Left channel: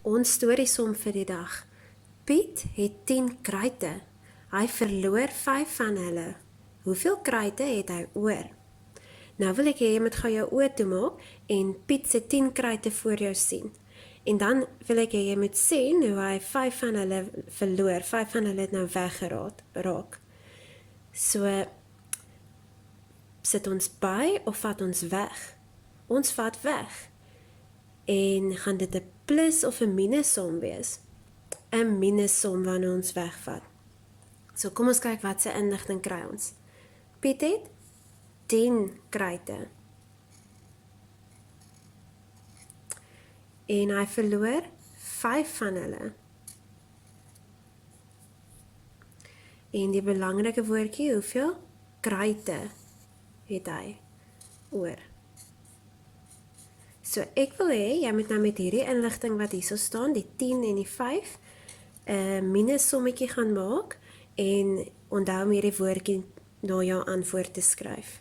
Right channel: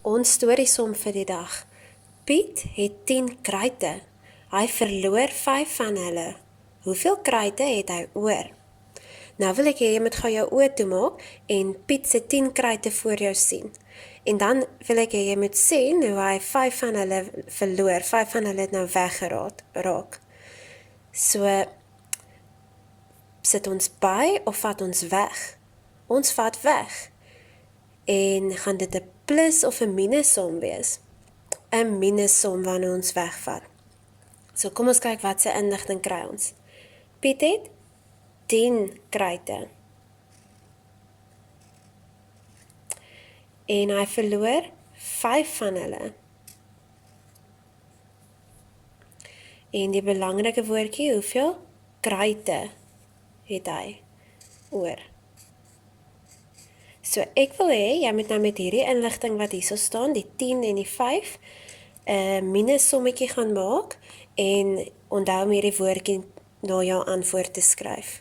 Ons storiesom vir die dag. Piet het 10 kruite. Hy verloor 5 van hulle. Hoeveel kruite het hy oor? Nou wil ek hê jy moet gou jou oë toemaak en Piet se 10 kruite voor jou sien. En dan wil ek hê jy moet sien hoe hy 5 van hulle verloor. 5 van hulle het nou weggeraak. So, sit ons by of vat ons weg? Ons vat weg. En gaan dit 'n plus of 'n minussom wees? 'n Minussom wanneer ons wegvat. So kom ons kyk wat se inligting kry ons. Piet het 10 kruite. En hy verloor 5 van hulle. En die belangrike woordjie, hoeveel kruite het hy oor? So ek wil hê, jy moet nou met hierdie inligting wat hierso staan, die 10 en die 5, 'n minussommetjie gaan maak en onthou om hierdie woordjie na jou antwoord te skryf.